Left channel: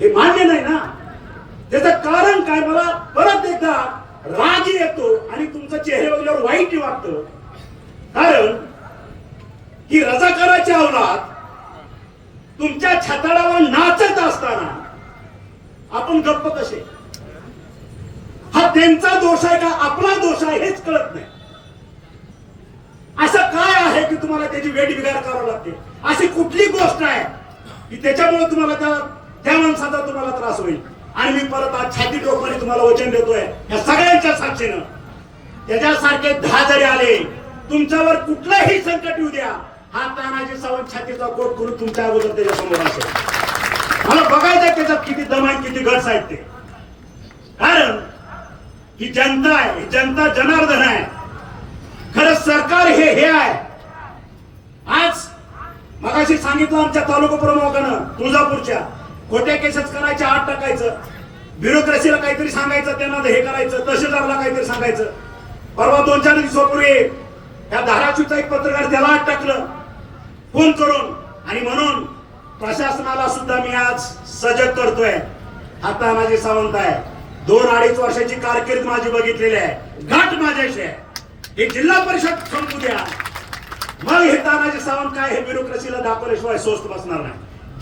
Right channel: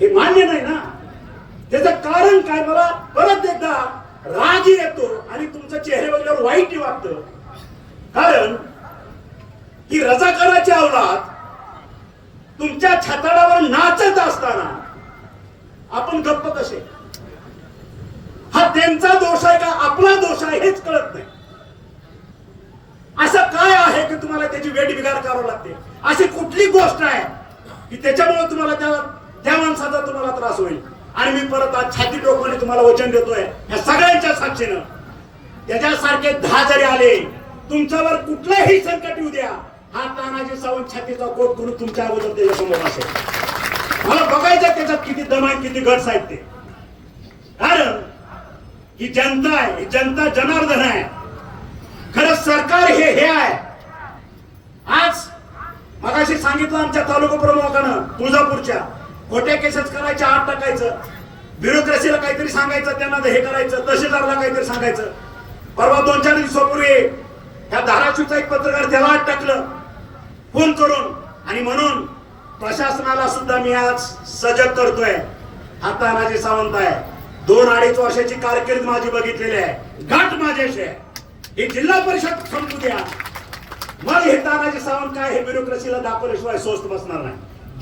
हे मान्य नाही ना. त्याचं कारण काय, मला परत एकदा राग येतो आणि तुमच्या चेहऱ्यावर वाईट वाटतं. कारण ही रजाकाराची औलाद तुमच्या छताडावर नाचत असताना आपण गप्प कसे? हा त्यांचा दोष आहे का आपला दोष आहे हेच कळत नाही. असं काय आहे की तुम्हाला त्याची वेठबिगार करावी लागते? अशी कुठली गोष्ट आहे की त्याच्यामुळे तुम्हाला त्या माणसाचा तुम्हाला त्रास होईल? आणि मी परत आज छाती डोकमाने तुम्हाला वचन देतोय या सगळ्यांच्या साक्षीनं, त्याच्यासारखे 10 जरी आले तुमच्यावर कुठलंही संकट येऊ द्या, हा तानाजी सावंत छातीचा कोट करून तुमच्या अगोदर त्याच्यासमोर असेल. मला बघायचं त्याच्यात किती दम आहे, किती गट्स आहेत ते. कारण ही जनता आहे, ही जनता जनार्दन आहे. खरं सरकार हे आहे. आज मगाशी सांगितलं आमच्या तालुका प्रमुखानं तुळजापूरच्या, खोट्या केसेस करायच्या, आत टाकायचं, ब्युरोक्रेसीला काहीतरी सांगायचं, त्यांना हे करायचं, तहसीलदारला काहीतरी सांगायचं. परवा 2-4 दिवसापूर्वी या धाराशिवचा एक पत्रकार त्याला आत टाकलं फोन करून. आणि म्हणून प्रशासनाला सुद्धा मी आज सजग करतोय. हा तानाजी सावंत आहे, 2-2.5 वर्षाची कारकीर्द माझी बघितलेली आहे, गाठ माझ्याशी आहे. हे जिल्हा परिषद संपू द्या, मग हे तानाजी सावंत काय हे ब्युरोक्रेसीला दाखवल्याशिवाय स्वस्त बसणार नाही.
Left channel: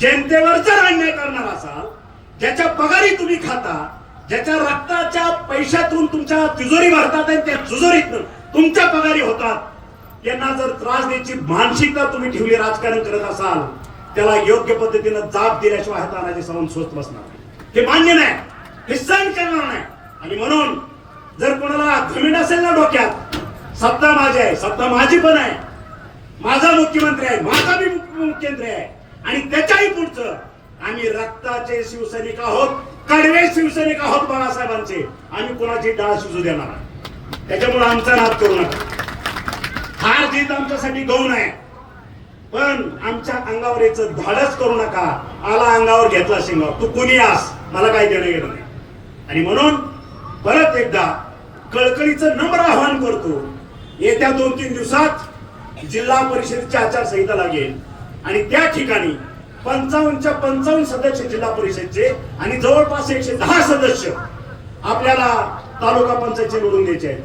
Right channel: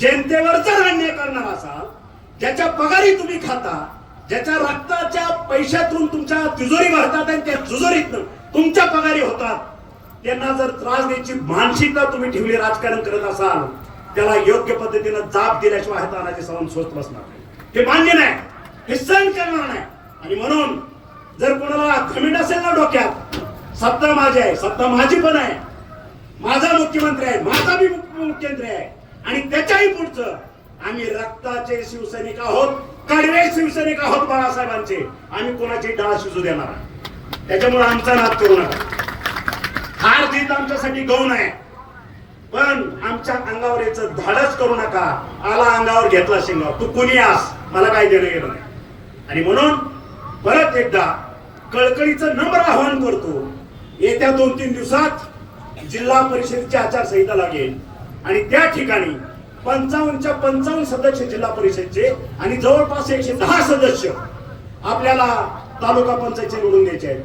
जनतेवर जर अन्याय करणार असाल, ज्याच्या पगारी तुम्ही खाता, ज्याच्या रक्ताच्या पैशातून तुमच्या तिजोरी भरतात आणि त्या तिजोरीतून तुमच्या पगारी होतात, त्यांना जर त्रास द्यायची मानसिकता तुम्ही ठेवली, राजकारण करत असाल, त्याला योग्य पद्धतीनं जाब दिल्याशिवाय तानाजी सावंत स्वस्त बसणार नाही. हे मान्य नाही, हे सहन करणार नाही. आणि म्हणून जर कोणाला घृण असेल ना डोक्यात, सत्ता माझी आहे, सत्ता माझी पण आहे, माझा मुख्यमंत्री आहे, माझा बी मुख्यमंत्री आहे, आणि त्याच्याही पुढचं आम्ही रक्ताचे शिवसैनिक आहोत, कडवे शिवसैनिक आहोत बाळासाहेबांचे. आम्ही कोणाची डाळ शिजू देणार नाही. त्याच्यामुळे आमचा नाद करू नका. हार जीत आमच्यासाठी गौण आहे, पण आमच्या अंगावर याचं धाडस करू नका. आला अंगावर घेतला शिंगावर, तू कोणी आस, मला काही देणं घेणं नाही. आणि म्हणून परत एकदा कळकळीचं नम्र आवाहन करतो, येत्या 2-3 दिवसात जिल्हा परिषदेची आचारसंहिता लागेल आणि त्या ठिकाणी 55च्या 55 सदस्य जिल्हा परिषदचे आणि जवळपास 110 सदस्य आपल्याला तालुका पंचायतचे निवडून द्यायचे आहेत.